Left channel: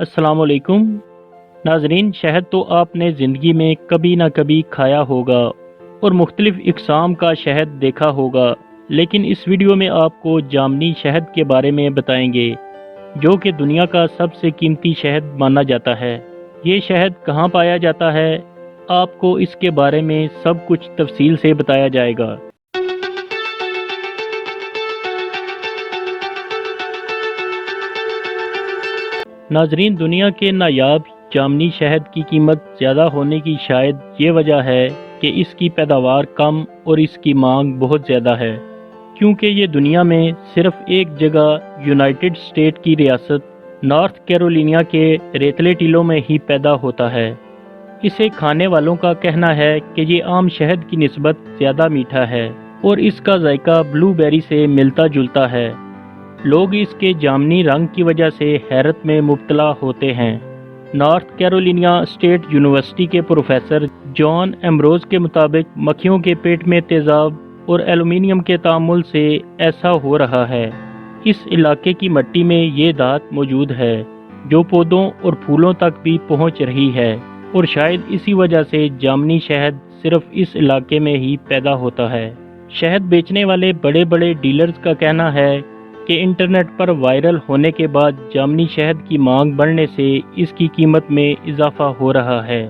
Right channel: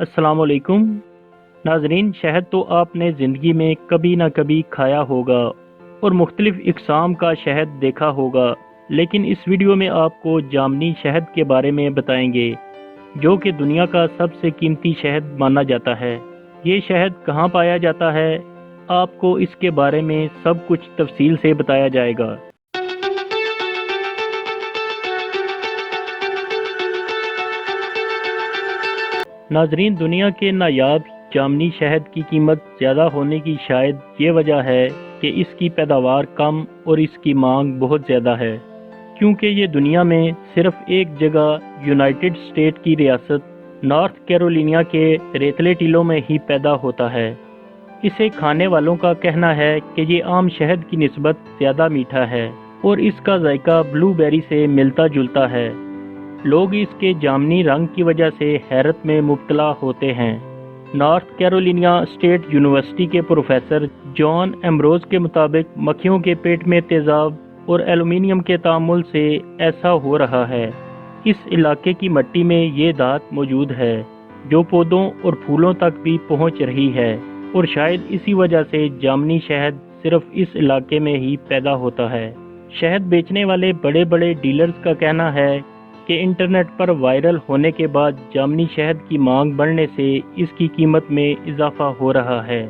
अस्सलाम वालेकुम नाजरीन। शहद तो आपने ज़िंदगी में कभी ना कभी खाया होगा और मुख्तलिफ इकसाम का शहद देखा होगा, लेकिन इस वीडियो में आपको जामनी शहद के बारे में बताएंगे जो कि दुनिया का सबसे कीमती शहद माना जाता है। ये शहद कहाँ पाया जाता है, आपको इसके बारे में सब कुछ तफसील से बताया जाएगा। नाजरीन, दुनिया के नायाब जामनी शहद की कीमत ज़्यादा होने की शायद ये वजह है कि इसकी पैदावार कम और इसकी मांग बहुत ज़्यादा है, क्योंकि ये दुनिया में सिर्फ एक जगह यूनाइटेड स्टेट की रियासत नॉर्थ कैरोलिना के रेतले टीलों में ही पैदा होता है। इसे खाने वालों का कहना है कि ये आम शहद की निस्बत ज़्यादा मीठा है और इसका जायका ब्लूबेरी से मिलता जुलता है। लोग इसके जामनी रंग की वजह से हैरत में मुब्तला होते हैं। नॉर्थ कैरोलिना स्टेट यूनिवर्सिटी के प्रोफेसर जॉन एम्ब्रोज के मुताबिक मक्खियों के पेट में तेज़ाब और एल्युमिनियम के तामुल से ऐसा हो रहा है। इस इलाके की मिट्टी में ये धात मौजूद है जो पौधों और फूलों तक भी पहुंच रही है, और शायद इसी वजह से जामनी शहद सिर्फ इस इलाके में ही पैदा होता है। शहद बेचने वाले बड़े बड़े डीलर्स का कहना है कि इंटरनेट पर वायरल होने के बाद जामनी शहद की मांग बढ़ने से इसकी कीमत में इजाफा हो रहा है।